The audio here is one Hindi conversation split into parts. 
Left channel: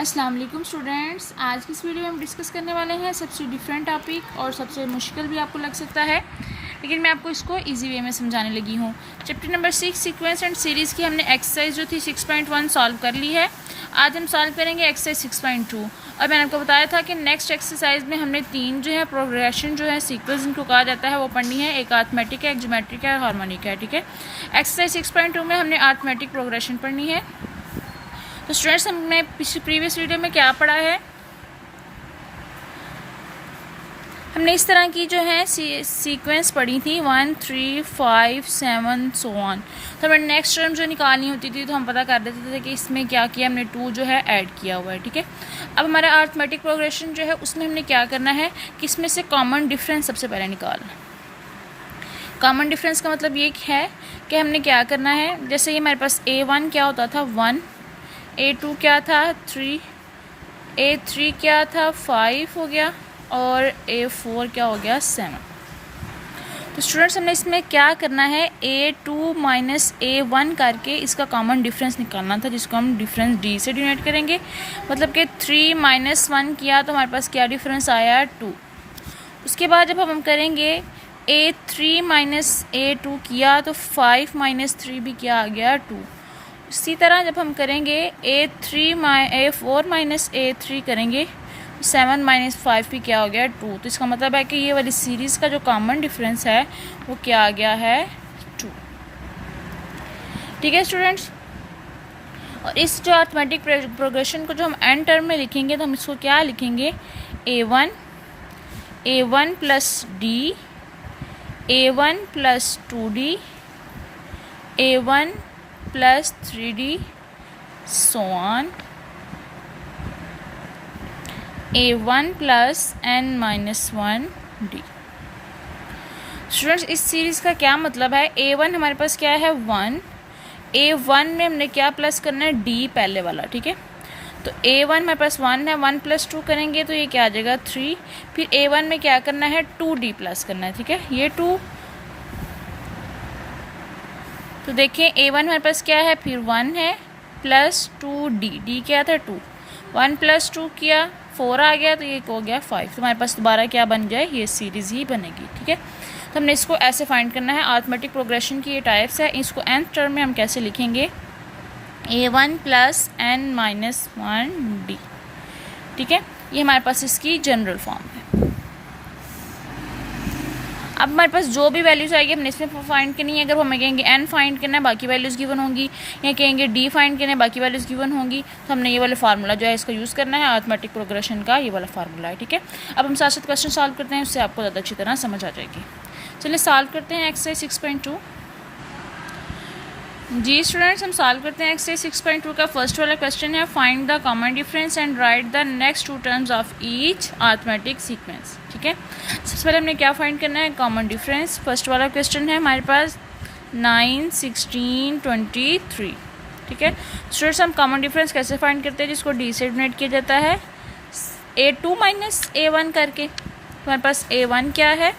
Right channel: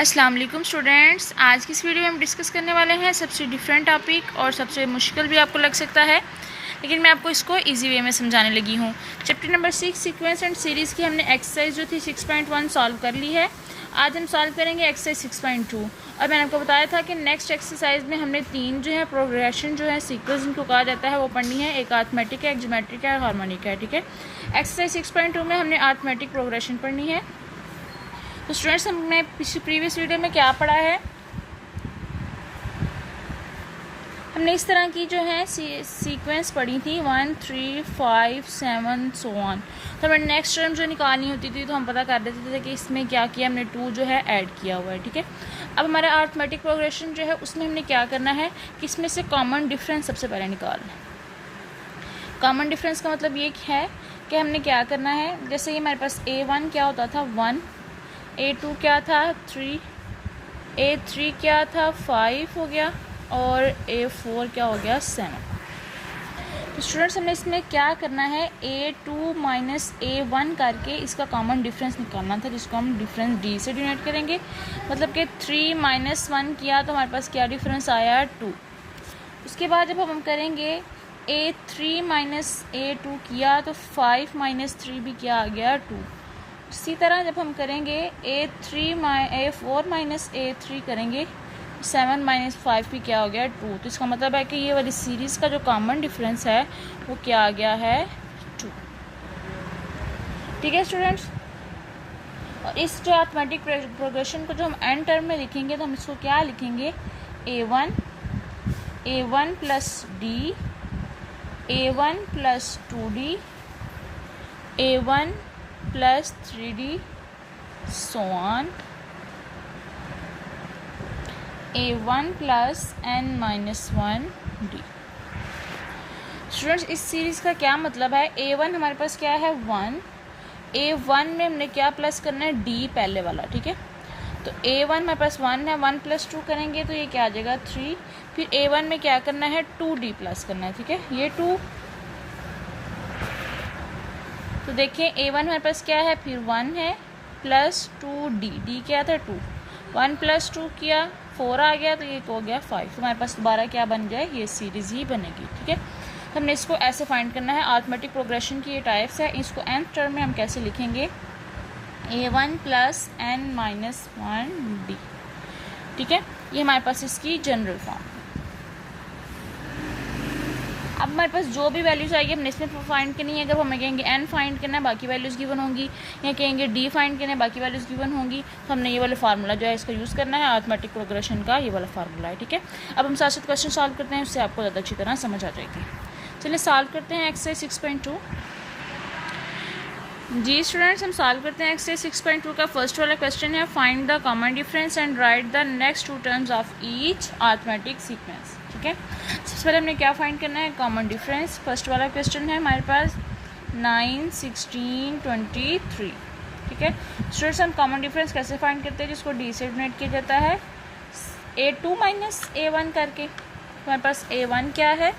अस्सलाम वालेकुम स्टूडेंट्स, आज की इस वीडियो में हम डिस्कस करने वाले हैं सबसे डिफरेंट टॉपिक और सबसे मुश्किल भी आपको लग सकता है, लेकिन मैं आपको इसको इजी वे में समझाने लगी हूँ। Chapter number 6 sequence and series की हमने एक्सरसाइज जो थी 6.1 सॉल्व कर ली है। आज हम सॉल्व करेंगे एक्सरसाइज 6.2 और मैंने आपको बताया था कि नेक्स्ट एक्सरसाइज में हमने 3 जो है प्रोग्रेशन जो है सीक्वेंस जिनको कहा जाता है वो पढ़नी है। एक अरिथमेटिक है, एक ज्योमेट्रिक है, हार्मोनिक है। ठीक है, एक्सरसाइज 6.2 में हमने अरिथमेटिक प्रोग्रेशन पढ़नी है। तो स्टूडेंट्स, हमने प्रीवियस वीडियो में क्या पढ़ा है, हमने इस तरह की जो है सीक्वेंस पढ़ी थी 1 3 5 7 सो ऑन। तो हमें नेक्स्ट टर्म जो निकालनी होती थी तो हम पता कर देते थे कि इसमें क्या किया हमने, 2 जो है ऐड किया हुआ है। ठीक है, अब हमारा अरिथमेटिक प्रोग्रेशन जो है उसमें हमने क्या करना है कि इसमें से कॉमन डिफरेंस सबसे पहले निकालना है। कॉमन डिफरेंस का मतलब ये है कि हमने क्या करना है, जैसे ये हमारे पास A1 क्या होता था 1, A2 क्या था 3, A3 क्या था 5 हो गया और A4 क्या हो गया 7। तो स्टूडेंट्स, हमने इसमें क्या करना है, A2 माइनस A1 करके इसका कॉमन डिफरेंस निकालना था, जिसको हम डिफरेंस D से डिनोट करेंगे। मतलब कि 3 माइनस 1 किया तो हमारे पास क्या डिफरेंस आया 2। उसके बाद जब हम करेंगे A3 माइनस A2 किया तो 5 माइनस 3 भी क्या आ गया 2। इसी तरह जब हम करेंगे A4 माइनस A3 करेंगे 7 माइनस 5 भी क्या हो गया 2। तो इसका मतलब है कि ये वाली सीरीज़ का जो कॉमन डिफरेंस है वो क्या आ गया है 2। ठीक है स्टूडेंट्स, और इस जो अरिथमेटिक प्रोग्रेशन को जो हम एंड टर्म में लिखेंगे तो हम इसको क्या लिखेंगे, A1 plus D, A1 plus 2D, A1 plus 3D so on, A1 plus n minus 1D। Students, इस सीरीज़ का क्या मतलब है, A1 हमारे पास क्या है 1, A1 में हमने क्या प्लस करना है D पहले वाला। ठीक है, तो A1 हमारे पास 1 है, 1 प्लस 2 करेंगे तो ये क्या आ जाएगा 3। फिर A1 में क्या करना है 2D प्लस करना है। ठीक है, ये 2, तो देखिए A1 हमारे पास क्या है, फिर 1 है प्लस 2D, D क्या था 2, 1 प्लस 2 किया 4 आ गया तो ये हो गया 5। तो हमारे पास दोबारा क्या बन जाए, ये सीरीज़ ही बनेगी। ठीक है, तो हमने इसको ऐसे फाइंड करना है। अरिथमेटिक प्रोग्रेशन की ये टाइप्स है, इसको nth टर्म में हम कैसे लिखेंगे, A1 plus n minus 1D। ठीक है, ये हमारे पास इसकी जनरल फॉर्म है। अब हमारे पास जो भी वैल्यूज़ आएगी हमने इसमें फाइंड करनी है। अगर हमें कहेंगे n फाइंड करना है बाकी वैल्यूज़ गिवन होंगी, या कहेंगे d फाइंड करना है बाकी वैल्यूज़ गिवन होंगी, तो हमने ये वाला फार्मूला जो है इसका यूज़ करना है। अरिथमेटिक प्रोग्रेशन का ये वाला फार्मूला है। ठीक है, अब हम साथ साथ क्वेश्चन सॉल्व करते हैं, उससे आपको ज़्यादा अच्छी तरह समझ आ जाएगी। चलिए सॉल्व करते हैं एक्सरसाइज 6.2। जी स्टूडेंट्स, हम सॉल्व करते हैं एक्सरसाइज 6.2 का फर्स्ट वाला क्वेश्चन है, find the common difference and right the next 2 terms of each arithmetic sequence. ठीक है, सबसे पहले हमने क्या फाइंड करना है, कॉमन डिफरेंस। फर्स्ट वाला क्वेश्चन है हमारे पास 9 16 23। ठीक है स्टूडेंट्स, हम कॉमन डिफरेंस कैसे फाइंड करते हैं, जिसको D से डिनोट किया जाता है A2 माइनस A1 करके। हमारे पास A1 क्या है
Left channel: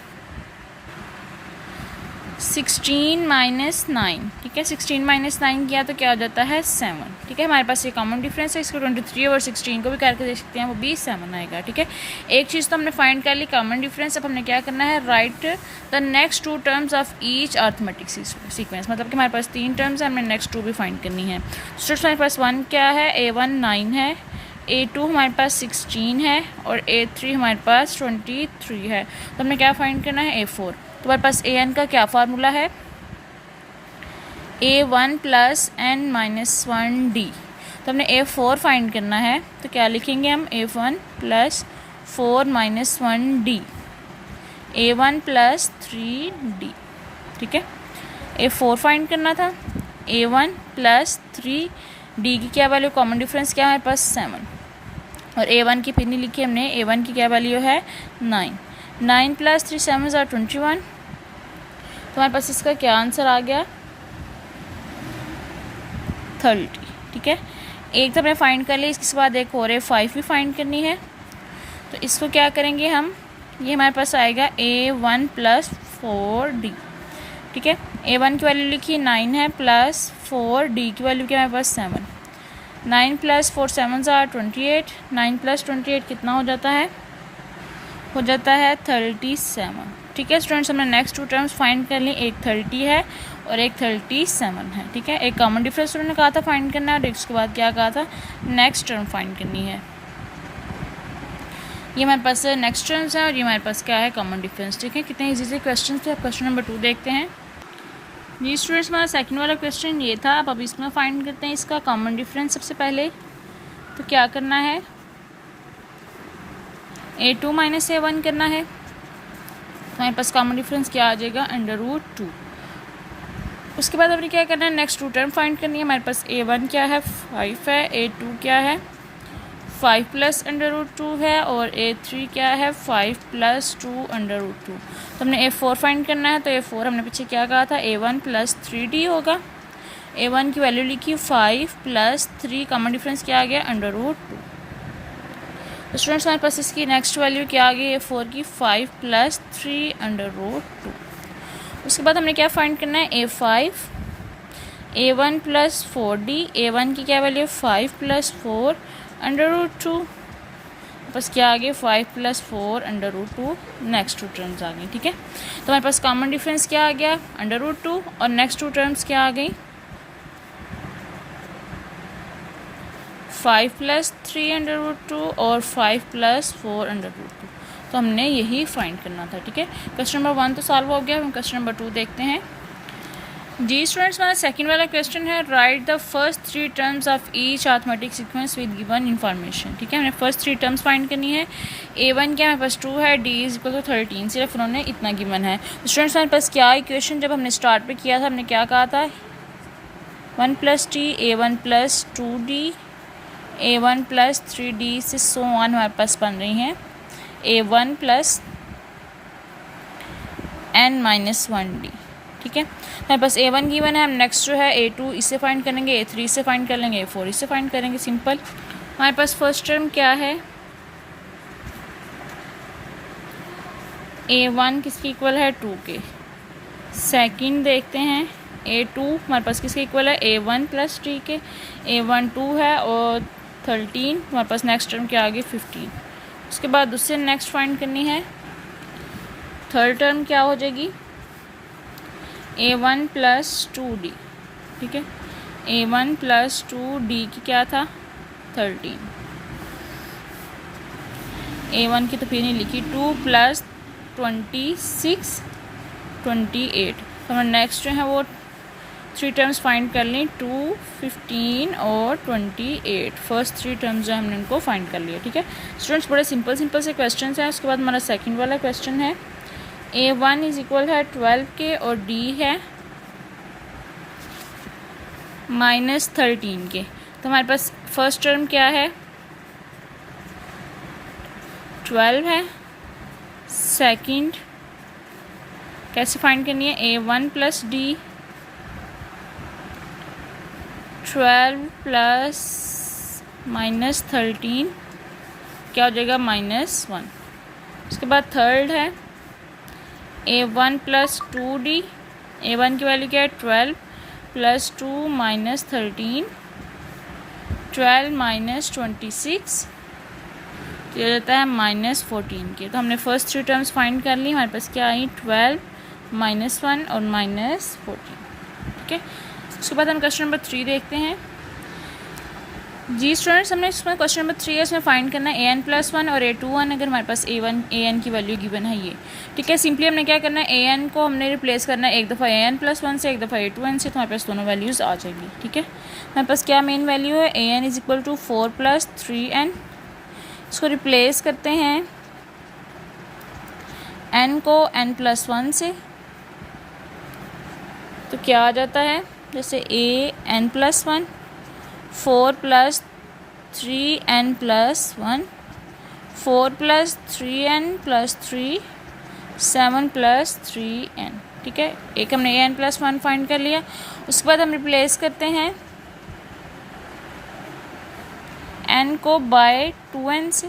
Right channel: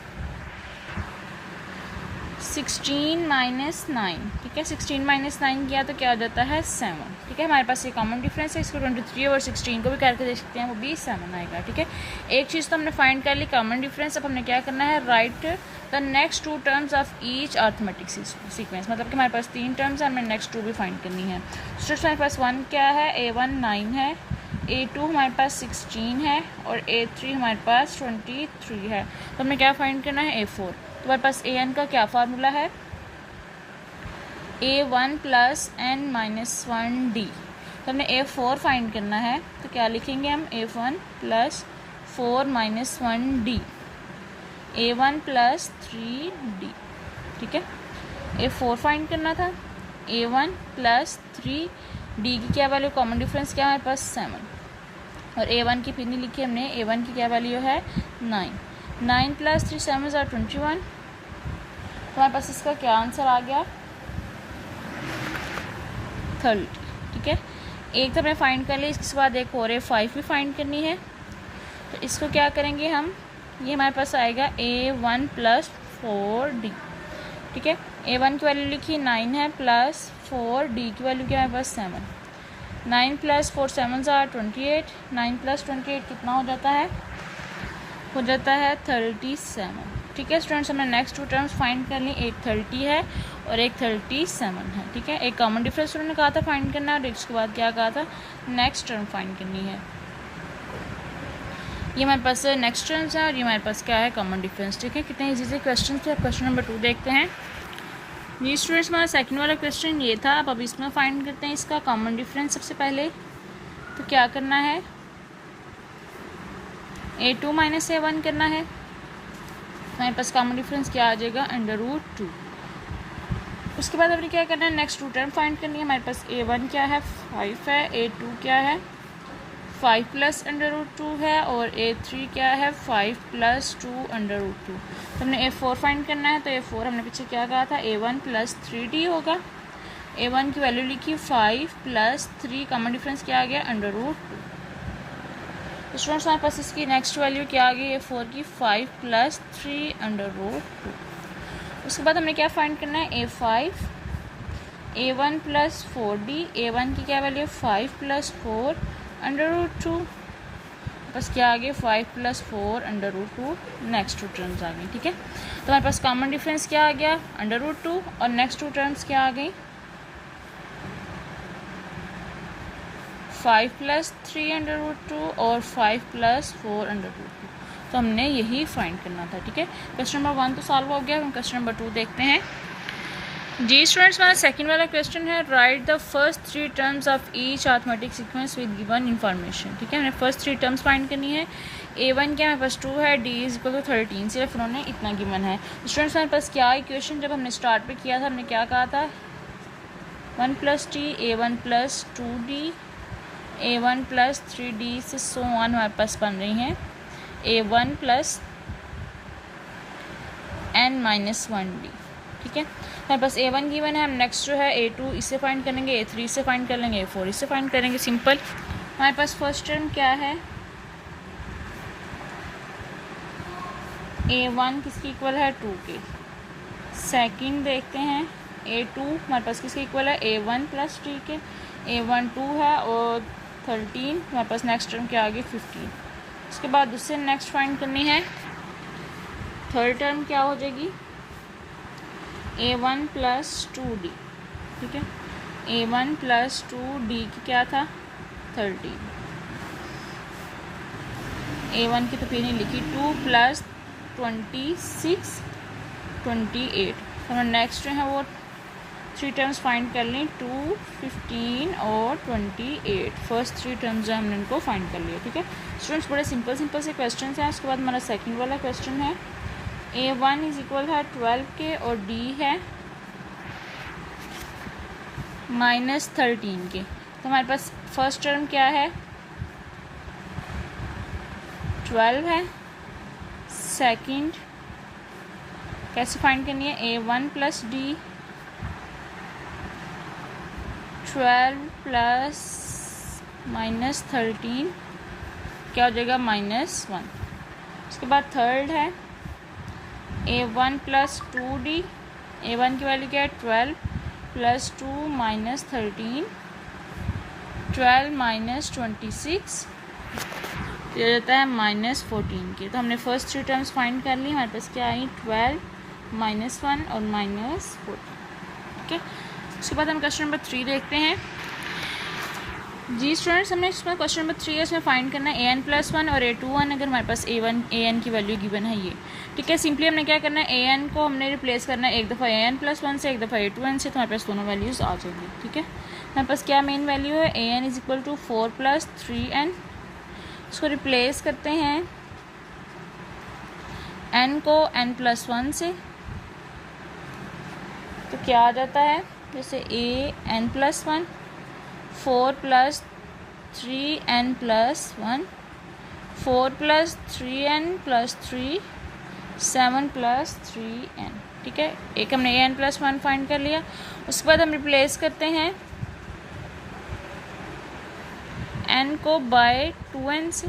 16 माइनस 9। ठीक है, 16 माइनस 9 किया तो क्या हो जाता है 7। ठीक है, हमारे पास ये कॉमन डिफरेंस है, इसको 23 और 16 को भी करके देख सकते हैं, वो भी 7 आएगा। ठीक है, एक चीज़ तो हमने फाइंड कर ली कॉमन डिफरेंस। अब हमने क्या करना है, right the next 2 terms of each arithmetic sequence. मतलब कि हमारे पास 3 टर्म्स है, हमें नेक्स्ट 2 भी फाइंड करनी है। स्टूडेंट्स, हमारे पास 1 क्या है, A1 9 है, A2 हमारे पास 16 है और A3 हमारे पास 23 है। तो हमने क्या फाइंड करना है, A4। तो हमारे पास an का क्या फार्मूला है, A1 plus n minus 1D। तो हमने A4 फाइंड करना है, तो क्या लिखेंगे हम, A1 plus 4 minus 1D, A1 plus 3D। ठीक है, A4 फाइंड करना था, A1 प्लस 3D की क्या वैल्यू, कॉमन डिफरेंस क्या है हमारे पास 7, और A1 की फिर नहीं लिखी हमने, A1 की क्या वैल्यू है 9। 9 प्लस 3 7 are 21। तो हमारे पास इसका क्या आंसर आ गया 30। ठीक है, एक तो हमने फाइंड कर ली, इसके बाद एक और 5 भी फाइंड करनी है। तो इसको क्या करेंगे हम, ये हमारे पास आएगा A1 प्लस 4D। ठीक है, A1 की वैल्यू लिखी 9 है, प्लस 4D की वैल्यू क्या है हमारे पास 7। 9 + 4 7 are 28, 9 + 28 कितना हो जाता है? हो जाता है 37। ठीक है स्टूडेंट्स, हमने नेक्स्ट टू टर्म्स फाइंड कर ली, एक 30 है और एक 37 है। ठीक है, एक कॉमन डिफरेंस उन्होंने कहा था फाइंड करना है और उसके बाद क्या कहा था, नेक्स्ट टर्म फाइंड करनी है। ये हमारे पास नेक्स्ट टर्म्स है और ये हमारे पास क्या है, कॉमन डिफरेंस। ठीक है, कितने इजी से क्वेश्चन थे। क्वेश्चन नंबर 2 देखते हैं। ये स्टूडेंट्स हमारा सेकंड वाला क्वेश्चन ये था। अब इसमें फाइंड करते हैं इसका कॉमन डिफरेंस। सबसे पहले तो क्या करना है, A2 - A1 करना है। तो हमारे पास कॉमन डिफरेंस क्या आ जाएगा, √2। उसके बाद हमने क्या करना है, नेक्स्ट टू टर्म फाइंड करनी है। हमारे पास A1 क्या है, 5 है, A2 क्या है, 5 + √2 है और A3 क्या है, 5 + 2 √2। तो हमने A4 फाइंड करना है। तो A4 हमने पीछे क्या कहा था, A1 + 3D होगा। A1 की वैल्यू लिखी 5 + 3, कॉमन डिफरेंस क्या आ गया, √2। तो स्टूडेंट्स हमारे पास इसकी नेक्स्ट वैल्यू क्या आ गई, A4 की 5 + 3 √2। उसके बाद हमने क्या फाइंड करना है, A5, A1 + 4D। A1 की क्या वैल्यू, 5 + 4 √2। बस क्या आ गया, 5 + 4 √2। नेक्स्ट टू टर्म्स आ गई। ठीक है, तो हमारे पास कॉमन डिफरेंस क्या आ गया, √2 और नेक्स्ट टू टर्म्स क्या आ गई, 5 + 3 √2 और 5 + 4 √2। तो हमने यही फाइंड करना था। ठीक है, क्वेश्चन नंबर 1 तो सॉल्व हो गया। हम क्वेश्चन नंबर 2 देखते हैं। जी स्टूडेंट्स, हमारा सेकंड वाला क्वेश्चन है, right the first 3 terms of each arithmetic sequence with given information. ठीक है, हमने फर्स्ट 3 टर्म्स फाइंड करनी है। A1 क्या हमारे पास 2 है, D = 13, सिर्फ उन्होंने इतना गिवन है। स्टूडेंट्स हमारे पास क्या इक्वेशन जब हमने स्टार्ट पे किया था, हमने क्या कहा था, 1 + T, A1 + 2D, A1 + 3D से सो ऑन हमारे पास बन रही हैं A1 + n - 1D। ठीक है, हमारे पास A1 गिवन है। हम नेक्स्ट जो है A2 इससे फाइंड करेंगे, A3 इससे फाइंड कर लेंगे, A4 इससे फाइंड करेंगे। सिंपल। हमारे पास फर्स्ट टर्म क्या है, A1 किसके इक्वल है, 2 के। सेकंड देखते हैं A2 हमारे पास किसके इक्वल है, A1 + T के। A1 2 है और 13 हमारे पास नेक्स्ट टर्म क्या आ गई, 15। उसके बाद उससे नेक्स्ट फाइंड करनी है, थर्ड टर्म क्या हो जाएगी, A1 + 2D। ठीक है, A1 + 2D की क्या था, 13। A1 की तो फिर नहीं लिखी, 2 + 26 28। तो हम नेक्स्ट जो है वो 3 टर्म्स फाइंड कर ली, 2 15 और 28। फर्स्ट 3 टर्म्स जो हमने उनको फाइंड कर लिया। ठीक है स्टूडेंट्स, बड़े सिंपल से क्वेश्चन हैं। उसके बाद हमारा सेकंड वाला क्वेश्चन है, A1 = है 12 के और D है -13 के। तो हमारे पास फर्स्ट टर्म क्या है, 12 है। सेकंड कैसे फाइंड करनी है, A1 + D, 12 + -13 क्या हो जाएगा, -1। उसके बाद थर्ड है A1 + 2D। A1 की वैल्यू क्या है, 12 + 2 - 13, 12 - 26 तो ये जाता है -14 के। तो हमने फर्स्ट 3 टर्म्स फाइंड कर ली। हमारे पास क्या आई, 12 -1 और -14। ठीक है, उसके बाद हम क्वेश्चन नंबर 3 देखते हैं। जी स्टूडेंट्स, हमने इसमें क्वेश्चन नंबर 3 है, इसमें फाइंड करना है an + 1 और A2 1। अगर हमारे पास an की वैल्यू गिवन है ये। ठीक है, सिंपली हमने क्या करना है, an को हमने रिप्लेस करना है एक दफ़ा an + 1 से, एक दफ़ा A2n से। तो हमारे पास दोनों वैल्यूज़ आ जाएगी। ठीक है, हमारे पास क्या मेन वैल्यू है, an = 4 + 3n। इसको रिप्लेस करते हैं n को n + 1 से, तो क्या आ जाता है, जैसे an + 1, 4 + 3n + 1, 4 + 3n + 3, 7 + 3n। ठीक है, एक हमने an + 1 फाइंड कर लिया। उसके बाद हम रिप्लेस करते हैं n को बाय 2n से,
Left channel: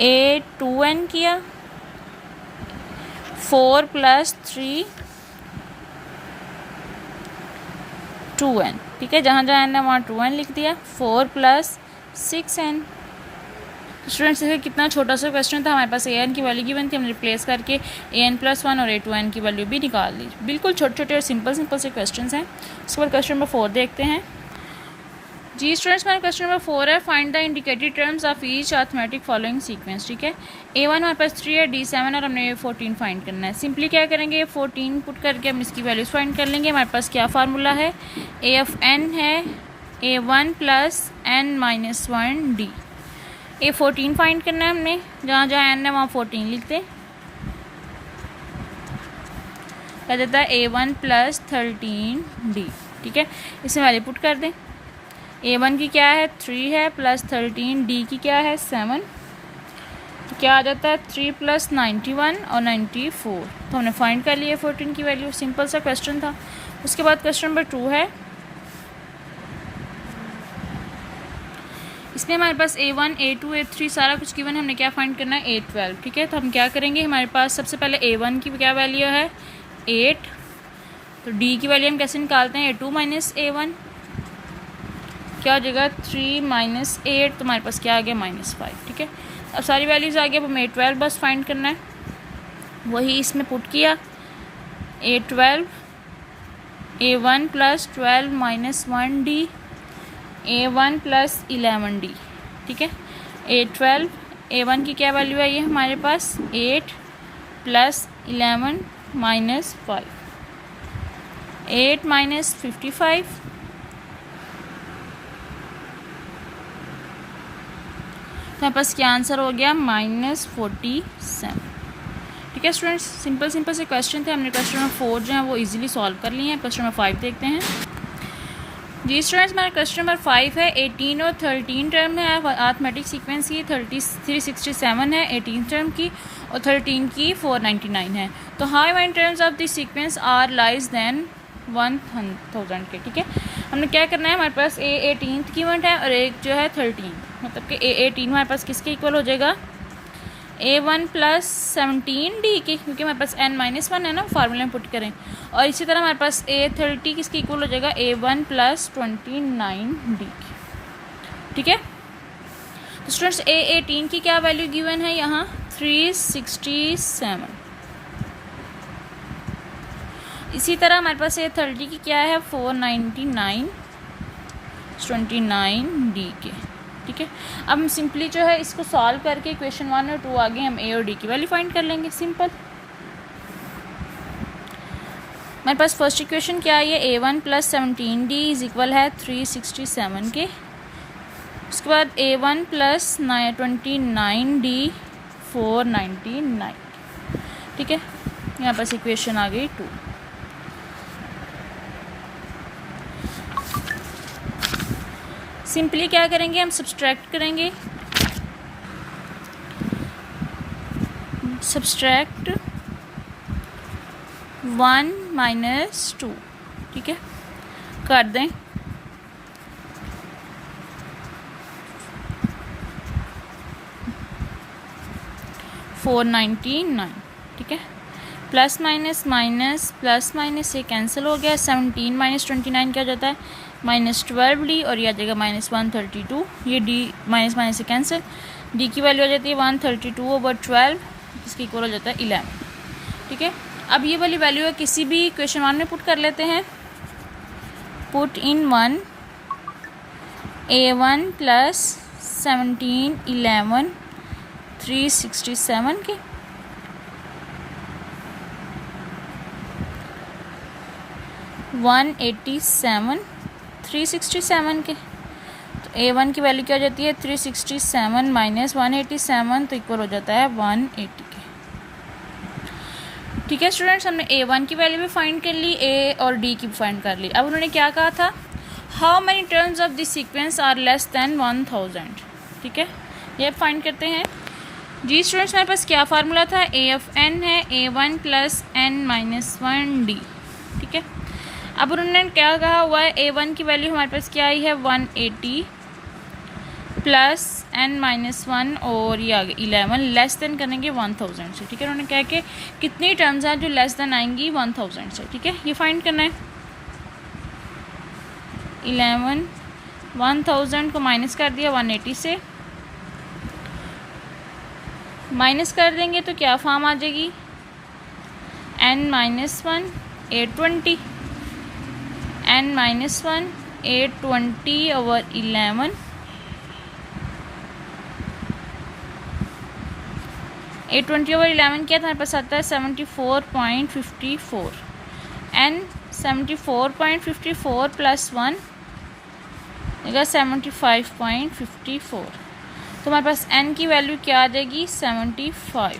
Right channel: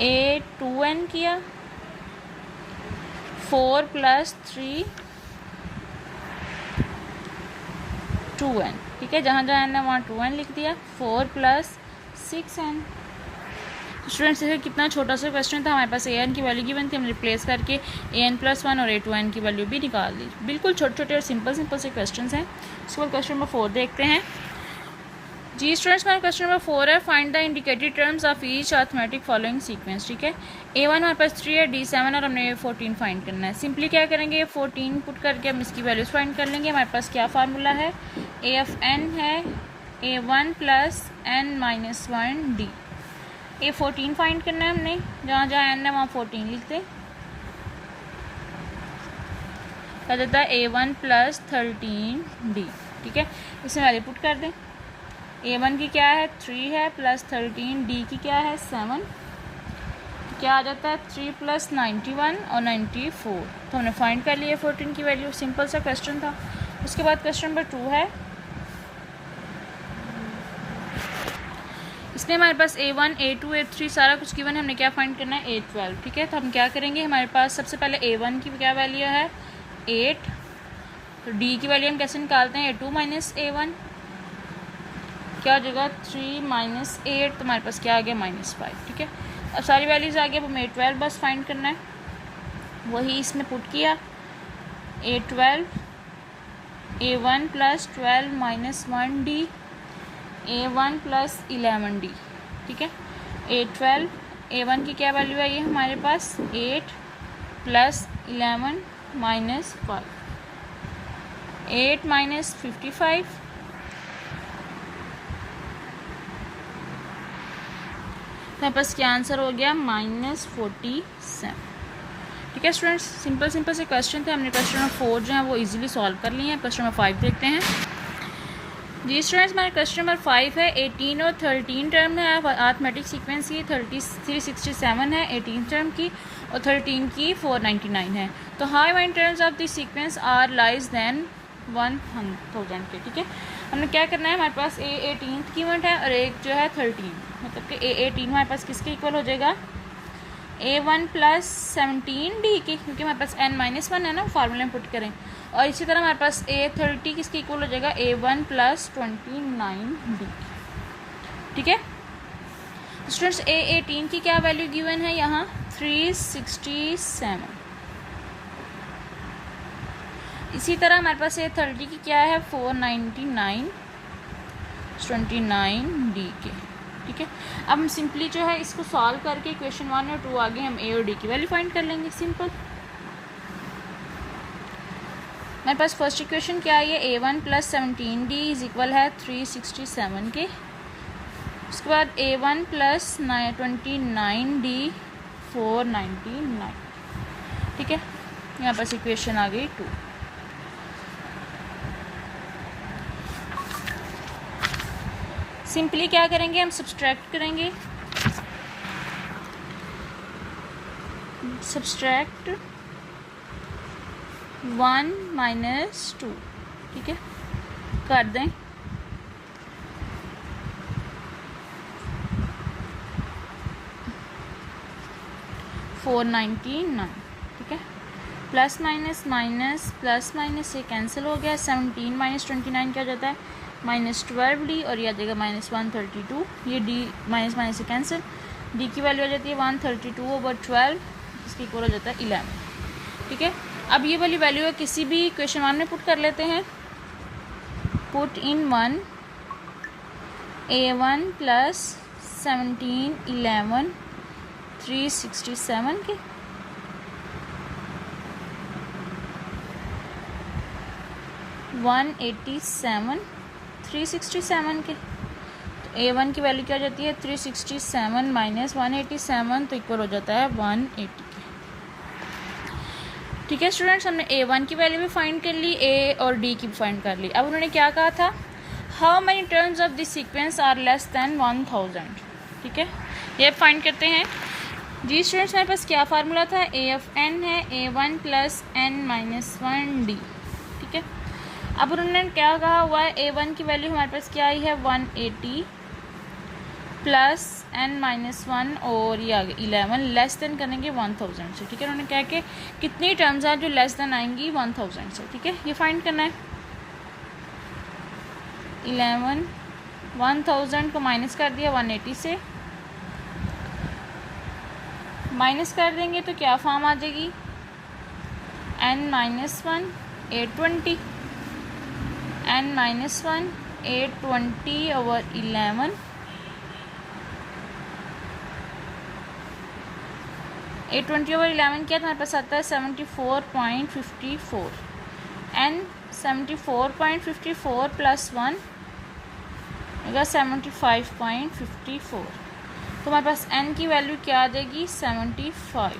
A2n किया, 4 + 3 2n। ठीक है, जहाँ जहाँ n है वहाँ 2n लिख दिया। 4 + 6n। स्टूडेंट्स देखिए कितना छोटा सा क्वेश्चन था, हमारे पास an की वैल्यू गिवन थी, हमने रिप्लेस करके an+1 और a2n की वैल्यू भी निकाल दी। बिल्कुल छोटे छोटे और सिंपल से क्वेश्चन हैं। उसके बाद क्वेश्चन नंबर 4 देखते हैं। जी स्टूडेंट्स, हमारा क्वेश्चन नंबर 4 है, find the indicated terms of each arithmetic following sequence. ठीक है, a1 हमारे पास 3 है, d7 और हमने 14 फाइंड करना है। सिंपली क्या करेंगे, 14 पुट करके हम इसकी वैल्यूज फाइंड कर लेंगे। हमारे पास क्या फार्मूला है, a(n) है a1 + n-1d। a14 फाइंड करना है हमने, जहाँ जहाँ n है वहाँ 14 लिख दें। कह देता है a1 + 13d। ठीक है, इसमें वैल्यू पुट कर दें। a1 की क्या है 3 है, प्लस 13, d की क्या है 7, क्या आ जाता है 3 + 91 और 94। तो हमने फाइंड कर लिया 14 की वैल्यू। सिंपल सा क्वेश्चन था। उसके बाद क्वेश्चन नंबर 2 है, इसमें हमारे पास a1, a2, a3 सारा कुछ गिवन है, हमने क्या फाइंड करना है a12। ठीक है, तो हम क्या करेंगे, हमारे पास सबसे पहले a1 की क्या वैल्यू है 8, तो d की वैल्यू हम कैसे निकालते हैं, a2 - a1 क्या हो जाएगा 3 - 8, तो हमारे पास क्या आ गया -5। ठीक है, अब सारी वैल्यूज़ आ गई, अब हमें a12 बस फाइंड करना है। वही इसमें पुट किया, a12 a1 + 12 - 1d a1 + 11d। ठीक है, a12 a1 की क्या वैल्यू है, ये हमारे पास 8 + 11 - 5, 8 - 55, तो हमारे पास क्या आंसर हो गया -47। ठीक है स्टूडेंट्स, सिंपल से क्वेश्चन थे, हमने क्वेश्चन नंबर 4 जो है वो इजीली सॉल्व कर लिए हैं। क्वेश्चन नंबर 5 देखते हैं। जी स्टूडेंट्स, हमारा क्वेश्चन नंबर 5 है, 18 और 13 टर्म है अरिथमेटिक सीक्वेंस की। 367 है 18 टर्म की और 13 की 499 है। तो how many terms of this sequence are less than 1000 के। ठीक है, हमने क्या करना है, हमारे पास a18 की यूनिट है और एक जो है 13, मतलब कि a18 हमारे पास किसके इक्वल हो जाएगा, a1 + 17d की, क्योंकि हमारे पास n-1 है ना, फार्मूला में पुट करें। और इसी तरह हमारे पास a30 किसके इक्वल हो जाएगा, a1 + 29d की। ठीक है, तो स्टूडेंट्स a18 की क्या वैल्यू गिवन है यहाँ 367। इसी तरह हमारे पास a30 की क्या है 499 29d के। ठीक है, अब हम सिंपली जो है इसको सॉल्व करके क्वेश्चन 1 और 2 आगे हम a और d की वैल्यू फाइंड कर लेंगे। सिंपल, हमारे पास फर्स्ट इक्वेशन क्या है, a1 + 17d = है 367 के। उसके बाद a1 + 29d 499। ठीक है, यहाँ पास इक्वेशन आ गई 2। सिंपली क्या करेंगे, हम सब्सट्रैक्ट करेंगे, सब्सट्रैक्ट 1 - 2। ठीक है, कर दें, $499। ठीक है, प्लस माइनस से कैंसिल हो गया। 17 - 29 क्या हो जाता है -12d और यह आ जाएगा -132। ये d माइनस से कैंसिल, d की वैल्यू आ जाती है 132/12, इसकी इक्वल हो जाता है 11। ठीक है, अब ये वाली वैल्यू है किसी भी क्वेश्चन 1 में पुट कर लेते हैं। पुट इन 1 a1 + 17 11 367 के, $187 367 के। तो a1 की वैल्यू क्या हो जाती है 367 - 187, तो इक्वल हो जाता है 180 के। ठीक है स्टूडेंट्स, हमने a1 की वैल्यू भी फाइंड कर ली, a और d की भी फाइंड कर ली। अब उन्होंने क्या कहा था, how many terms of this sequence are less than 1000। ठीक है, ये फाइंड करते हैं। जी स्टूडेंट्स, हमारे पास क्या फार्मूला था, a(n) है a1 + n-1d। ठीक है, अब उन्होंने क्या कहा हुआ है, a1 की वैल्यू हमारे पास क्या आई है 180 + n-1 और ये आ गया 11, लेस देन करेंगे 1000 से। ठीक है, उन्होंने कहा कि कितनी टर्म्स हैं जो लेस देन आएंगी 1000 से। ठीक है, ये फाइंड करना है। 11 1000 को माइनस कर दिया 180 से, माइनस कर देंगे तो क्या फॉर्म आ जाएगी, n-1 820, n-1 820 over 11, 820 over 11 क्या हमारे पास आता है 74.54, n 74.54 प्लस 1 देगा 75.54, तो हमारे पास n की वैल्यू क्या आ जाएगी 75।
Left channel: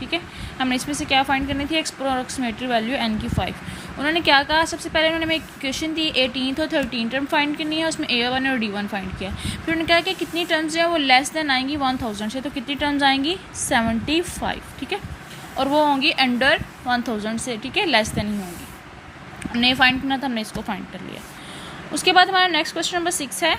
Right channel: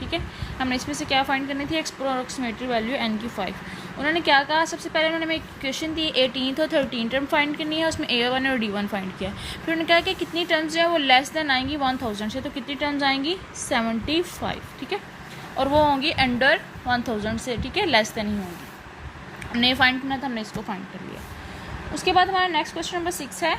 ठीक है, हमने इसमें से क्या फाइंड करनी थी, अप्रोक्सीमेटली वैल्यू n की 5। उन्होंने क्या कहा, सबसे पहले उन्होंने एक क्वेश्चन दी 18th और 13th टर्म फाइंड करनी है, उसमें A1 और D1 फाइंड किया। फिर उन्होंने कहा कि कितनी टर्म्स जो है वो लेस देन आएंगी 1000 से, तो कितनी टर्म्स आएंगी 75। ठीक है, और वो होंगी अंडर 1000 से, ठीक है, लेस देन ही होंगी। हमने फाइंड करना था, हमने इसको फाइंड कर लिया। उसके बाद हमारा नेक्स्ट क्वेश्चन नंबर 6 है।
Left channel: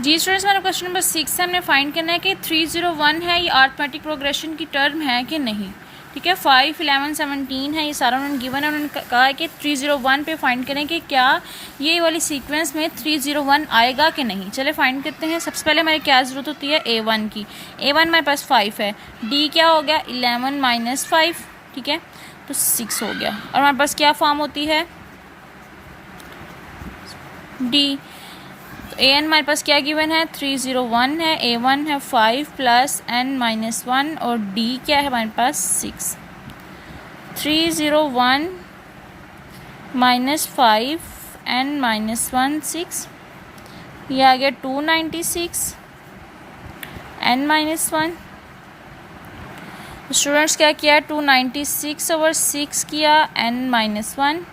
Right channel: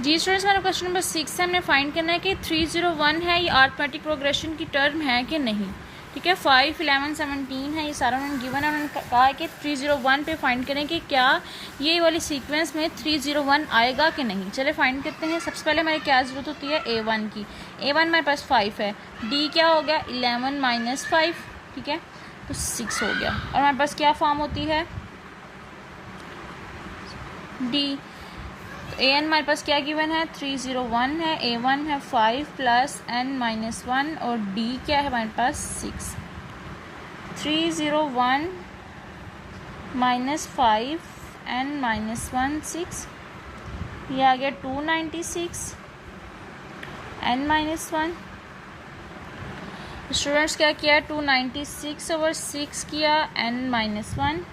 जी स्टूडेंट्स, हमारा क्वेश्चन नंबर 6 है, हमने फाइंड करना है कि 301 है ये अरिथमेटिक प्रोग्रेशन की टर्म है कि नहीं। ठीक है, 5 11 17 है, ये सारा उन्होंने गिवन है। उन्होंने कहा है कि 301 पे फाइंड करें कि क्या ये वाली सीक्वेंस में 301 आएगा कि नहीं। चले फाइंड करते हैं। सबसे पहले हमारी क्या ज़रूरत होती है, A1 की। A1 हमारे पास 5 है, D क्या हो गया 11 माइनस 5, ठीक है, तो 6 हो गया। और हमारे पास क्या फॉर्म होती है D। an हमारे पास क्या गिवन है 301 है, A1 है 5 प्लस n-1 और D क्या है हमारे पास 6। 301 माइनस 5 n-1 6, ये आ गया 296 n-1। स्टूडेंट्स क्या किया 296 ओवर 6 किया n-1,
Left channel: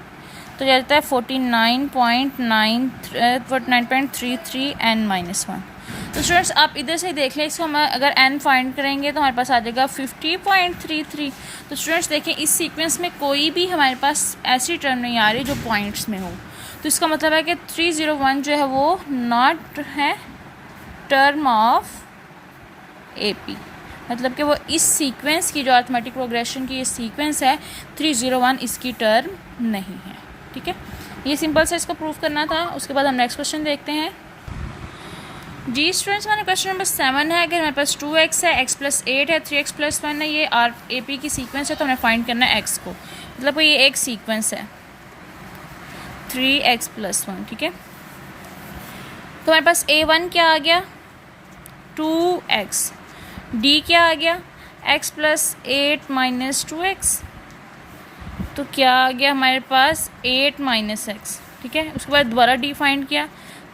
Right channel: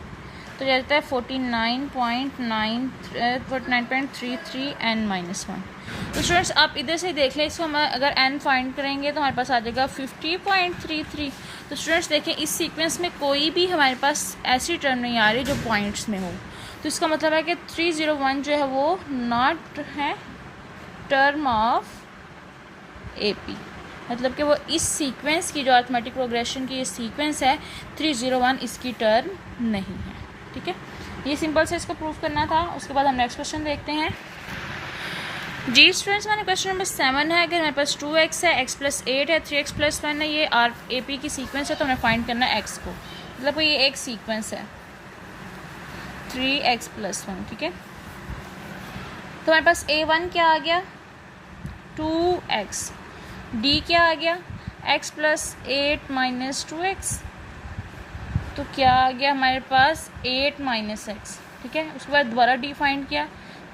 तो जाता है 49.33 n-1। तो स्टूडेंट्स आप इधर से देख लें, इसको हम अगर n फाइंड करेंगे तो हमारे पास आ जाएगा 50.33। तो स्टूडेंट्स देखें इस सीक्वेंस में कोई भी हमारे पास ऐसी टर्म नहीं आ रही जो पॉइंट्स में हो, तो इसका मतलब है कि 301 जो है वो नॉट है टर्म ऑफ AP, मतलब कि वो इस सीक्वेंस की जो अरिथमेटिक प्रोग्रेशन की ये सीक्वेंस है 301 इसकी टर्म नहीं है। ठीक है, ये सिंपल से इसको प्रूव करना था। उसके बाद हम नेक्स्ट क्वेश्चन देखते हैं। जी स्टूडेंट्स, हमारा क्वेश्चन नंबर 7 है। अगर हमारे पास 2x है, x प्लस 8 है, 3x प्लस 1 है, ये AP की सीक्वेंस है, तो हमें फाइंड करना है x को, मतलब ये एक सीक्वेंस है 3x प्लस 1। ठीक है, तो हमारे पास A1 क्या आ गया 2x, D क्या आ गया x प्लस 8 माइनस 2x, तो क्या आ गया हमारे पास 8 माइनस एक्स। ठीक है, उसके बाद दोबारा D फाइंड किया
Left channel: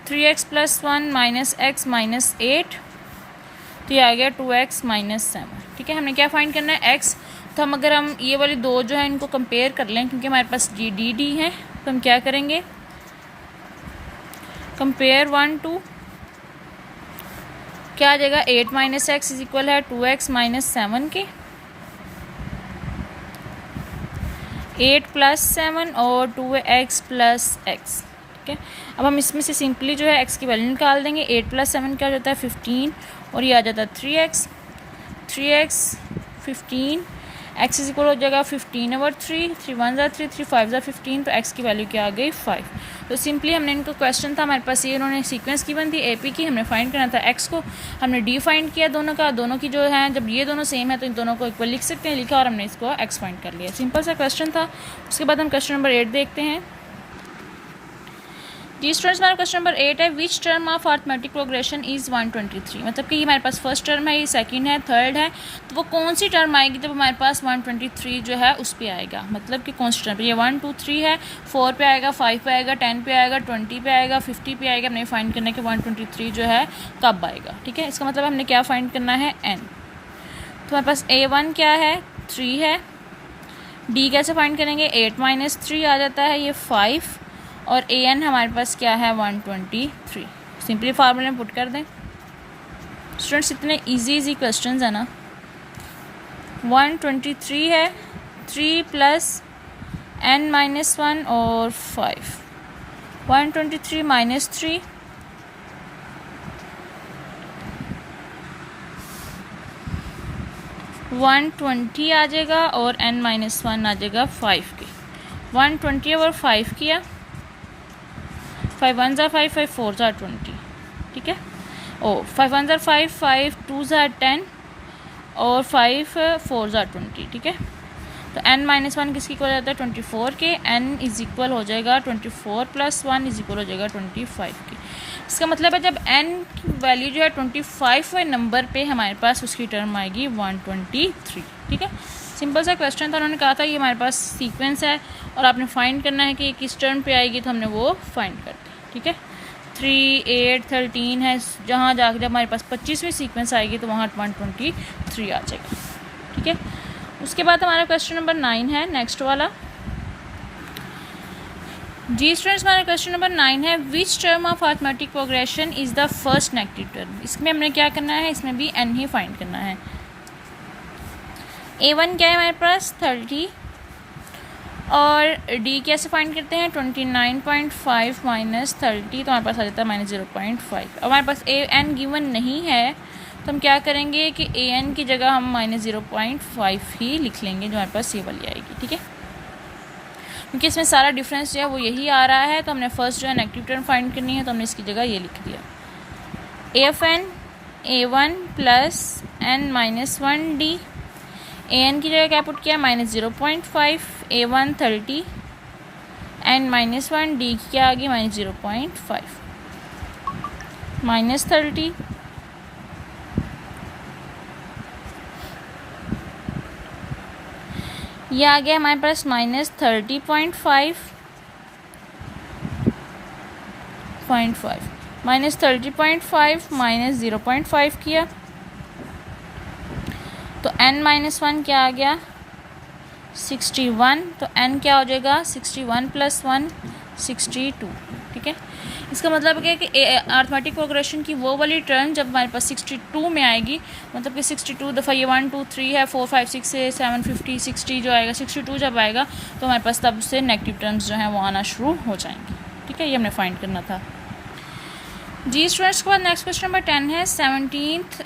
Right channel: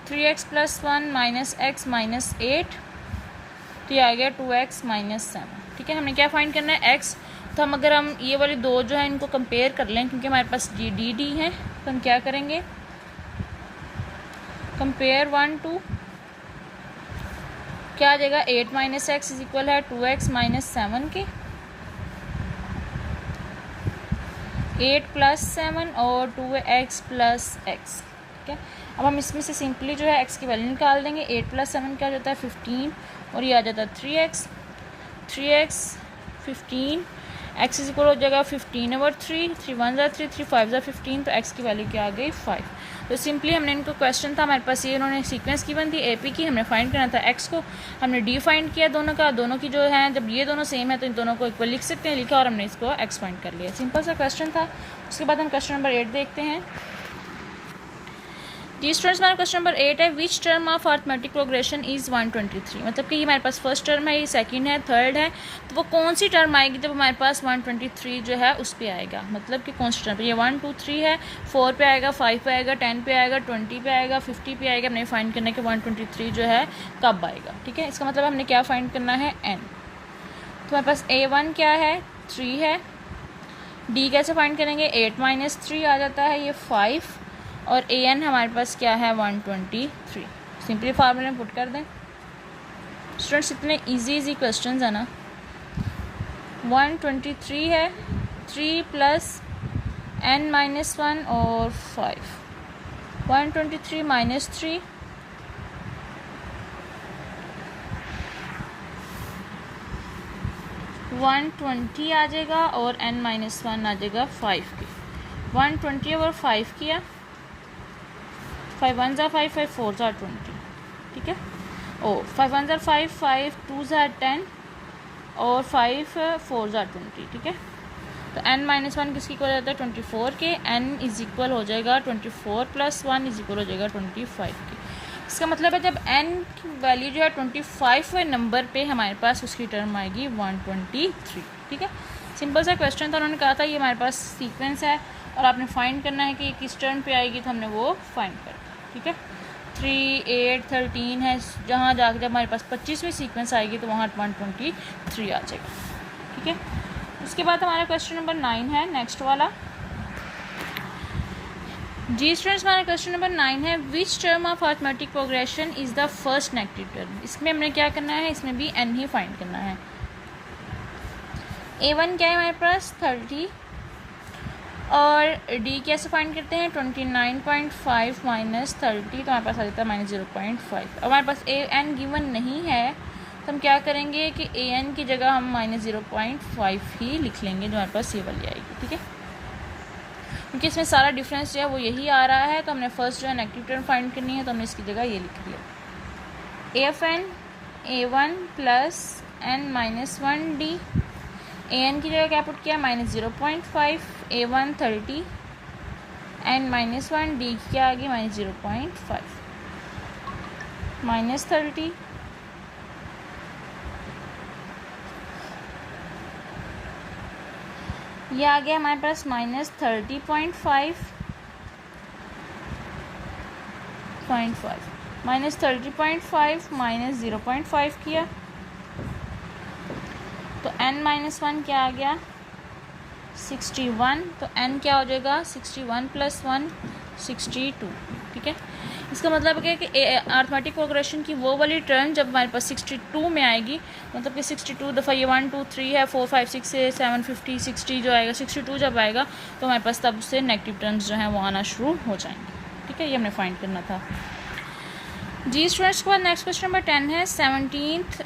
3x plus 1 minus x minus 8, तो ये आ गया 2x माइनस 7। ठीक है, हमने क्या फाइंड करना है x, तो हम अगर हम ये वाली दो जो है इनको कंपेयर कर लें, क्योंकि हमारे पास D है, तो हम क्या करेंगे कंपेयर 1 2, क्या आ जाएगा 8 माइनस एक्स इज इक्वल है 2x माइनस 7 के, 8 प्लस 7 और 2x प्लस x। ठीक है, अब हम इसमें से सिंपली जो है x की वैल्यू निकाल देंगे। 8 प्लस 7 क्या हो जाता है 15 और ये आ जाता है 3x 15, x इज इक्वल हो जाएगा 15 ओवर 3, 3 1 ज़ा 3, 3 5 ज़ा 15, तो x की वैल्यू क्या आ गई 5। तो सिंपली हमने इनको क्वेश्चन था हमारे पास ये, उन्होंने सीक्वेंस गिवन थी AP की, हमने फाइंड करना था x को, हमने D फाइंड किया दोनों का, दोनों की जो है जब ये दोनों सेम है तो इन दोनों को इक्वल लिख सकते हैं, लिखा और हमने इसको x फाइंड कर लिया। सिंपल सा क्वेश्चन था। उसके बाद हम क्वेश्चन नंबर 8 देखते हैं। जी स्टूडेंट्स, हमारा क्वेश्चन नंबर 8 है, which term of arithmetic progression is 123। मतलब कि ये हमारे पास फर्स्ट टर्म है, ये सेकंड है, थर्ड है, तो वो कौन सी टर्म आएगी जब हमारे पास 123 जो है उस पर आएगा, मतलब कि कौन सी टर्म, ये 1 2 3 है, 4 पे आएगा, 5 पे आएगा, 10 पे आएगा, 20 पे आएगा, 50 पे आएगा। हमने फाइंड करना है कि 123 जो है कब आएगा। ठीक है, इसका मतलब हमने क्या फाइंड करना है n। तो हमारे पास A1 क्या है 3 है, D कैसे फाइंड करेंगे 8 माइनस 3 आ जाता है ये 5, और an हमारे पास क्या है 123। सिंपली फार्मूले में पुट कर दें। स्टूडेंट्स इतने इजी क्वेश्चंस है ना। 123 है, 3 प्लस n-1 और 5, 123 माइनस 3 120 आ जाएगा और n-1 आ जाएगा 5 के। 120 ओवर 5 किया 5 1 ज़ा 5, 5 4 ज़ा 20, ठीक है। ओ 5 1 ज़ा 5, 5 2 ज़ा 10 और 5 4 ज़ा 20, ठीक है। तो n-1 किसकी इक्वल होता है 24 के, n इज इक्वल हो जाएगा 24 + 1 इज इक्वल हो जाएगा 25 की। इसका मतलब है जब n की वैल्यू जो है 25वें नंबर पे हमारे पास उसकी टर्म आएगी 123, ठीक है। सिंपल सा क्वेश्चन था, उन्होंने कहा था ये हमारे पास सीक्वेंस है और आपने फाइंड करना है कि ये किस टर्म पे आएगी, तो हमने वो फाइंड कर दिया, ठीक है। 3 8 13 है, जहाँ जाकर जब हमारे पास 25वीं सीक्वेंस आएगी तो वहाँ 123 आ जाएगा, ठीक है। उसके बाद हमारा क्वेश्चन नंबर 9 है, नेक्स्ट वाला। जी स्टूडेंट्स, हमारा क्वेश्चन नंबर 9 है, which term of arithmetic progression is the first negative term. इसमें हमने क्या करना है, इसमें भी n ही फाइंड करना है। a1 क्या है हमारे पास 30 और d कैसे फाइंड करते हैं 29.5 माइनस 30, तो हमारे पास आ जाता है -0.5। अब हमारे पास an गिवन नहीं है तो हम क्या करेंगे कि an की जगह हम -0.5 ही लिख लेंगे, जो हमारे पास ये वाली आएगी, ठीक है। क्योंकि इसमें सारा डिफरेंस जो है वो यही आ रहा है, तो हमने फर्स्ट जो है नेगेटिव टर्म फाइंड करनी है, तो हमने इसकी जगह ये लिख दिया। AFN a1 + n-1d, an की जगह क्या पुट किया -0.5, a1 30, n-1 d की क्या आ गई -0.5, -30 ये आ गया हमारे पास -30.5 -30.5 -0.5 किया, तो n-1 क्या आ गया 61, तो n क्या हो जाएगा 61 + 1 62, ठीक है। इसका मतलब क्या है कि अरिथमेटिक प्रोग्रेशन की वो वाली टर्म जब हमारे पास 62 में आएगी, मतलब कि 62 दफ़ा ये 1 2 3 है, 4 5 6 है, 7 50 60 जो आएगा, 62 जब आएगा तो हमारे पास तब से नेगेटिव टर्म्स जो हैं वो आना शुरू हो जाएंगे, ठीक है। ये हमने फाइंड करना था। जी स्टूडेंट्स, के बाद नेक्स्ट क्वेश्चन नंबर 10 है,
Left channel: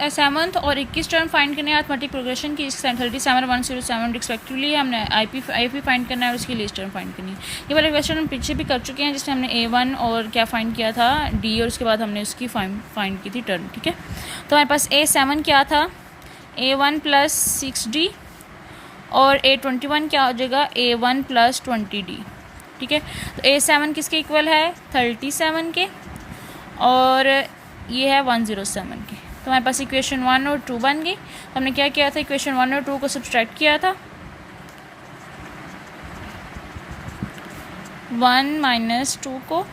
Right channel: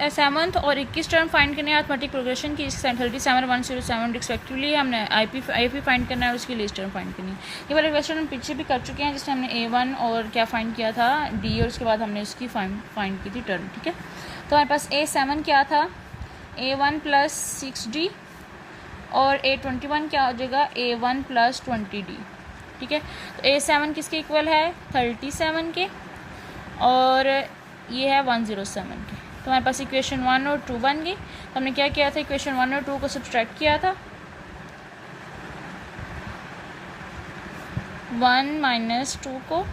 7th और 21 टर्म फाइंड करने हैं अरिथमेटिक प्रोग्रेशन की, 37 107 रिस्पेक्टिवली हमने आई पी फाइंड करना है और उसकी लिस्ट टर्म फाइंड करनी है। ये वाले क्वेश्चन हम पीछे भी कर चुके हैं, जिसमें हमने a1 और क्या फाइंड किया था d, और उसके बाद हमने उसकी फाइंड की थी टर्म, ठीक है। तो हमारे पास a7 क्या था a1 + 6d और a21 क्या हो जाएगा a1 + 20d, ठीक है। तो a7 किसके इक्वल है 37 के और ये है 107 की, तो हमारे पास इक्वेशन 1 और 2 बन गई। तो हमने क्या किया था, इक्वेशन 1 और 2 को सब्सट्रैक्ट किया था, 1 - 2 को,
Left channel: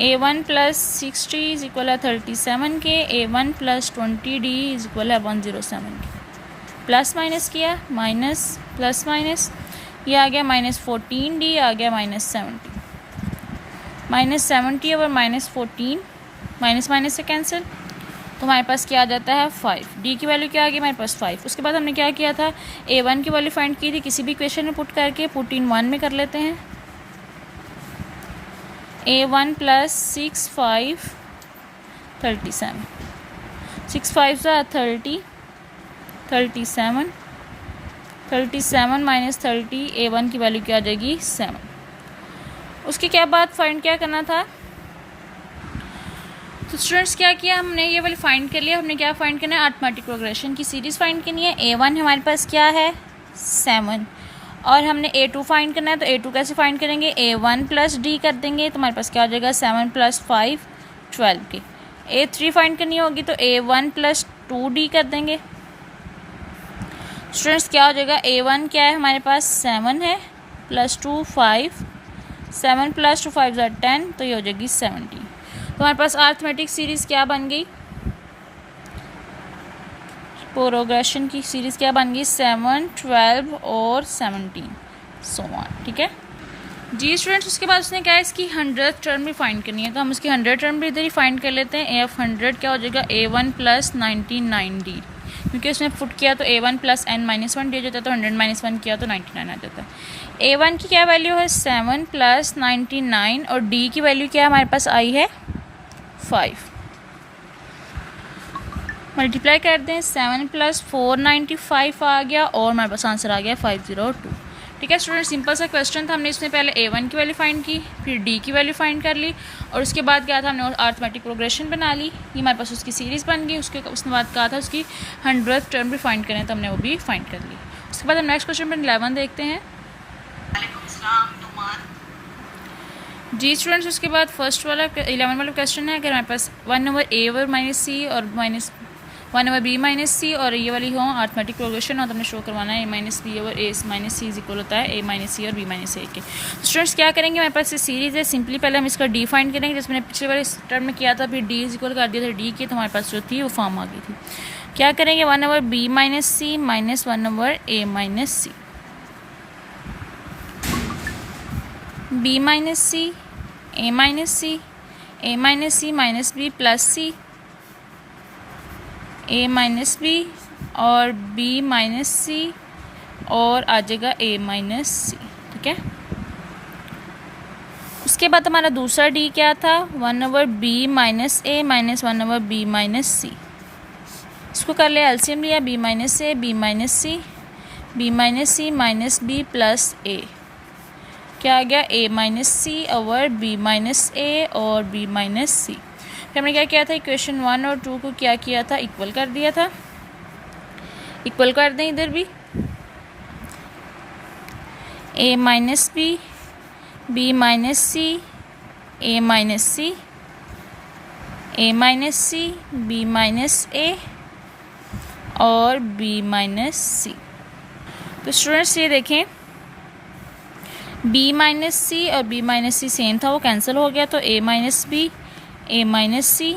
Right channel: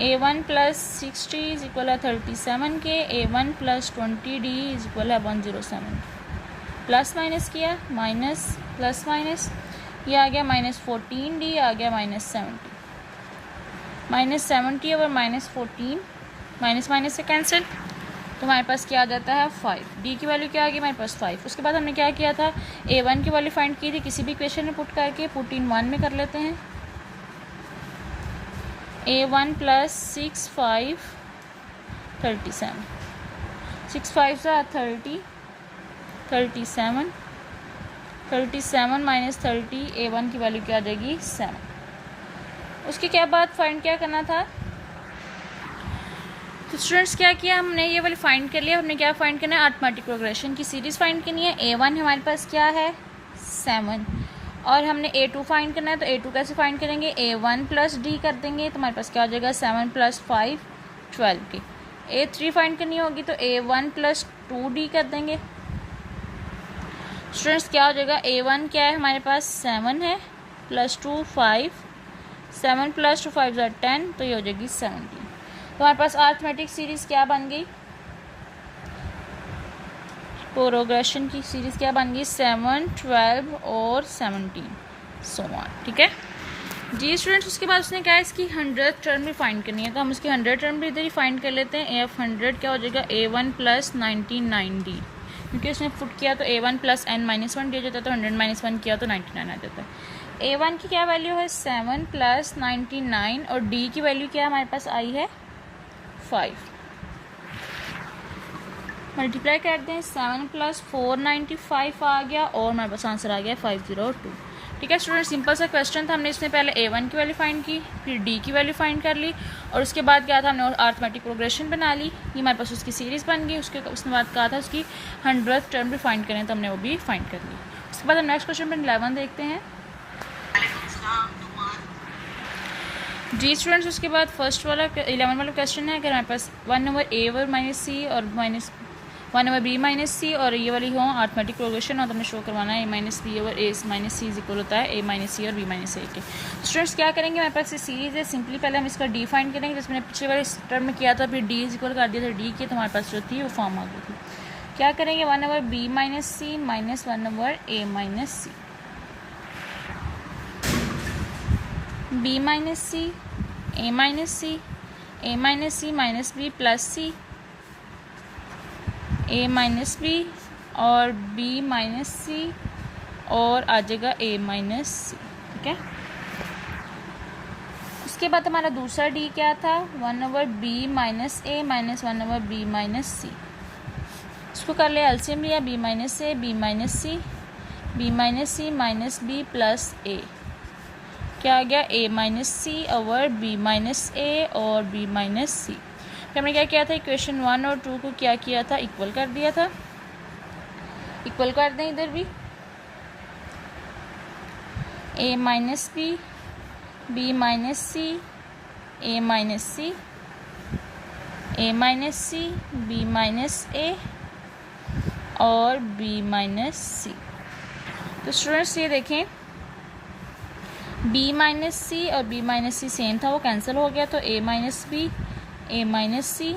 a1 + 60 इज इक्वल है 37 के, a1 + 20d इज इक्वल है 107 के, प्लस माइनस किया माइनस प्लस माइनस, ये आ गया -14d आ गया -70, -70 और -14 माइनस माइनस से कैंसिल, तो हमारे पास क्या आ जाता है 5, डी की वैल्यू क्या आ गई हमारे पास 5। उसके बाद हमने क्या किया था a1 की वैल्यू फाइंड की थी, किसी भी इक्वेशन में पुट करके पुट इन 1 में कर लेते हैं, a1 + 6 5 37, 6 5 30 37 37 - 30, a1 की वैल्यू क्या आ जाएगी 7। उसके क्या बाद फाइंड क्या करना था, तो स्टूडेंट्स क्या किया हमने ये वाली फाइंड कर लिया। हमने क्या फाइंड करना है अरिथमेटिक प्रोग्रेशन की सीरीज़ फाइंड करनी है। a1 हमारे पास क्या है 7 और हमने a2 फाइंड करना है, तो a2 कैसे फाइंड करेंगे a1 + d कर देंगे, तो हमारे पास क्या आ जाएगा 7 + 5 12 के। a3 फाइंड करनी होगी तो a1 + 2d कर देंगे। स्टूडेंट्स क्या हो जाएगा a1 क्या है हमारे पास 7 है +2 5, 7 + 2 5 = 10, तो ये हो जाएगी 17। तो हमारे पास अरिथमेटिक सीरीज़ क्या बन गई, प्रोग्रेशन की सीरीज़ क्या बन गई 7 12 और 17 सो ऑन, ठीक है जी स्टूडेंट्स। उसके बाद उसने कहा इसकी 100th टर्म भी फाइंड करनी है, तो हम इसकी 100 टर्म भी इधर ही फाइंड कर लेते हैं। a100 क्या हो जाएगा a1 + 99d, क्योंकि इसने पुट किया तो a1 + n-1 दिया जाता है, तो 100 - 1 किया तो 99 आ जाता है। a1 की क्या वैल्यू है 7 + 99 और d की वैल्यू क्या हमारे पास आई है 5। मल्टीप्लाई कर दें 7 + 495 आ गया और हमारे पास आंसर आ गया 502, ठीक है स्टूडेंट, सिंपल सा क्वेश्चन था। हमने इसमें पहले A1 की वैल्यू फाइंड की, फिर D की वैल्यू फाइंड कर ली, और उसके बाद क्या था, हमने अर्थमेटिक प्रोग्रेशन बना ली। ये हमारे पास उसकी सीरीज़ बन गई। उसके बाद कहा था उसकी 100th टर्म भी फाइंड करें, तो हमने वो भी फाइंड कर ली। उसके बाद हम नेक्स्ट क्वेश्चन पर 11 देखते हैं। जी स्टूडेंट्स, उसके बाद फर्स्ट वाला 11 वाला क्वेश्चन है, अगर हमारे पास 1/a/-c और -1/b-c और ये वाली हो अर्थमेटिक प्रोग्रेशन और तो हमें शो करवाना है a-b/a-c इक्वल होता है a-c और b-a के। स्टूडेंट्स क्या करेंगे, हमारे पास ये सीरीज़ है, सिंपली पहले हम इसका डी फाइंड करेंगे, जिसमें पिछले वाले टर्म में किया था, फिर डी इक्वल कर दिया था डी के, तो हमारे पास जो थी वो फॉर्म आ गई थी। क्या करेंगे, 1/b-c minus 1/a-c, b-c, a-c, a-c minus b plus c, a-b और b-c और आ जाएगा a-c। ठीक है, उसके बाद हमारा दूसरा डी क्या था, 1/b-a माइनस 1/b-c। इसको कर लिया, एलसीएम लिया, b-a, b-c, b-c minus b plus a, क्या आ गया, a-c ओवर b-a और b-c। फिर हमने क्या किया था, इक्वेशन 1 और 2 को क्या किया था, इक्वल कर दिया था। इक्वल कर दें इधर भी, a-b, b-c, a-c, a-c, b-a और b-c। तो स्टूडेंट्स ये देखें, b-c और b-c सेम था, वो कैंसिल हो गया, तो a-b, a-c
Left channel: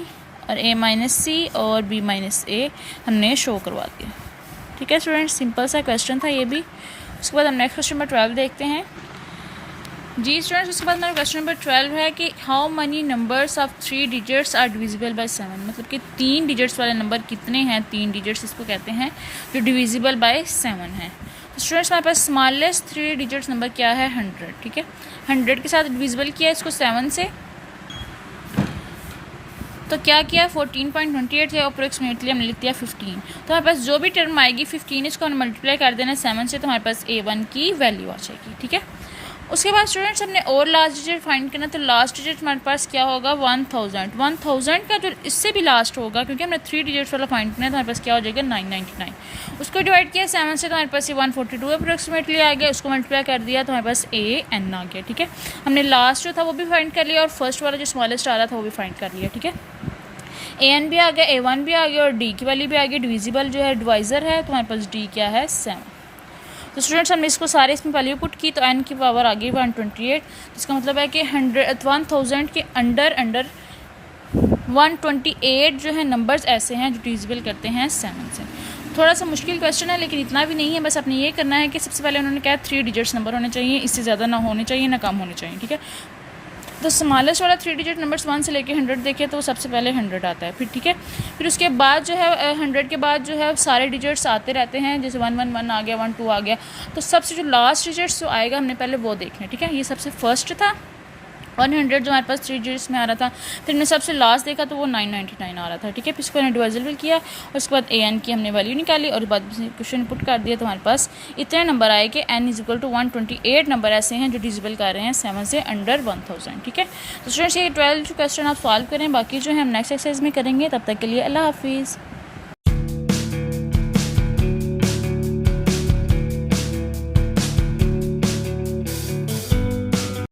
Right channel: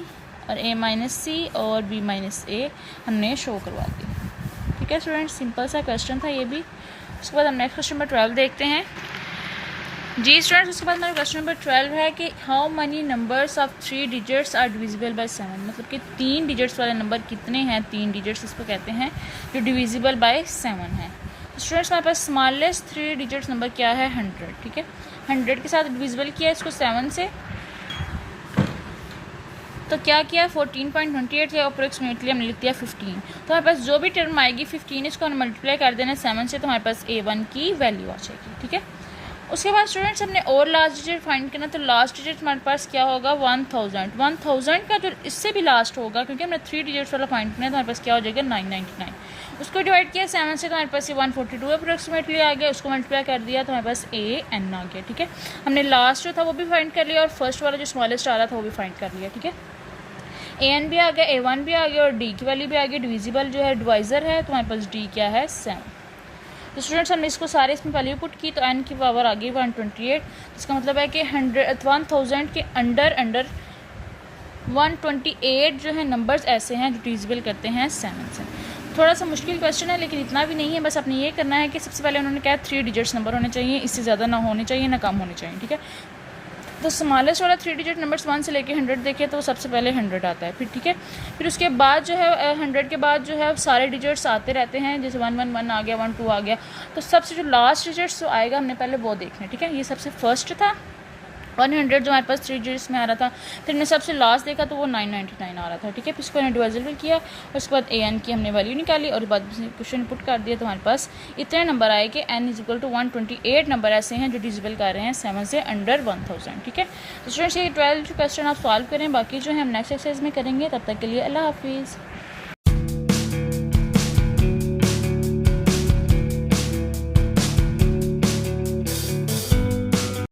और a-c और b-a हमने शो करवा दिया। ठीक है स्टूडेंट्स, सिंपल सा क्वेश्चन था ये भी। उसके बाद हम नेक्स्ट क्वेश्चन नंबर 12 देखते हैं। जी स्टूडेंट्स, उसके बाद हमारा क्वेश्चन नंबर 12 है कि how many numbers of 3 digits are divisible by 7, मतलब कि 3 डिजिट्स वाले नंबर कितने हैं, 3 डिजिट्स इसको कहते हैं जो डिविजिबल बाय 7 है। तो स्टूडेंट्स हमारे पास स्मॉलेस्ट 3 डिजिट्स नंबर क्या है, 100। ठीक है, 100 के साथ डिविजिबल किया इसको 7 से, तो क्या किया, 14.28 है, अप्रोक्सीमेटली हमने लिख दिया 15। तो हमारे पास जो भी टर्म आएगी 15 इसको हम मल्टीप्लाई कर देना 7 से, तो हमारे पास a1 की वैल्यू आ जाएगी। ठीक है, उसके बाद स्टूडेंट्स हमने और लास्ट डिजिट फाइंड करना, तो लास्ट डिजिट हमारे पास क्या होगा, 1000 का जो इससे भी लास्ट होगा, क्योंकि हमने 3 डिजिट्स वाला फाइंड करना है, तो हमारे पास क्या हो जाएगा, 999। उसको डिवाइड किया 7 से, तो हमारे पास ये 142 अप्रोक्सीमेटली आ गया, उसको मल्टीप्लाई कर दिया तो हमारे पास an आ गया। ठीक है, हमने लास्ट जो था वो भी फाइंड कर लिया और फर्स्ट वाला जो स्मॉलेस्ट आ रहा था वो भी फाइंड कर लिया। ठीक है, an भी आ गया, a1 भी आ गया और d की वाली भी आ गई। डिविजिबल जो है डिवाइज़र है, तो हमारे पास d क्या है, 7। तो स्टूडेंट्स हमने इसको सारे इसमें वैल्यू पुट की, तो n की पावर आ गई 128। इसका मतलब है कि 1000 के अंडर 128 जो है नंबर्स ऐसे हैं जो डिविजिबल करते हैं 7 से। थोड़ा सा मुश्किल क्वेश्चन है, लेकिन इतना भी नहीं है, बस आपने ये करना है कि सबसे पहले उन्होंने कहा 3 डिजिट्स नंबर होने चाहिए, इससे ज़्यादा ना होने चाहिए ना कम होने चाहिए। ठीक है, तो स्मॉलेस्ट वाला 3 डिजिट नंबर्स 1 से लेके 100 देखे तो सबसे पहले 100 आता है। फिर ठीक है, फिर उसके बाद जो है 100 के बाद जो है सारे डिजिट्स आते रहते हैं, जैसे 111 आ गया, 12 आ गया, तो सबसे जो लास्ट डिजिट्स जो आएगा हमने पहले वो देखना है। ठीक है, ये सबसे फर्स्ट था 100 जो हमारे पास 3 डिजिट्स में आ रहा था, फिर हमने सबसे लास्ट देखा तो वो 999 आ रहा था। ठीक है, फिर इसको हमने डिविजिबल किया और उसके बाद an की हमने वैल्यू निकाली और बाद क्वेश्चन पुट कर दिया, तो हमारे पास इतने नंबर आए कि n is equal to 128 number ऐसे हैं जो डिविजिबल कर रहे हैं 7 से अंडर 1000। ठीक है, तो स्टूडेंट्स ये 12 जो क्वेश्चन आप सॉल्व करें, बाकी जो है हम नेक्स्ट एक्सरसाइज में करेंगे। तब तक के लिए अल्लाह हाफिज़।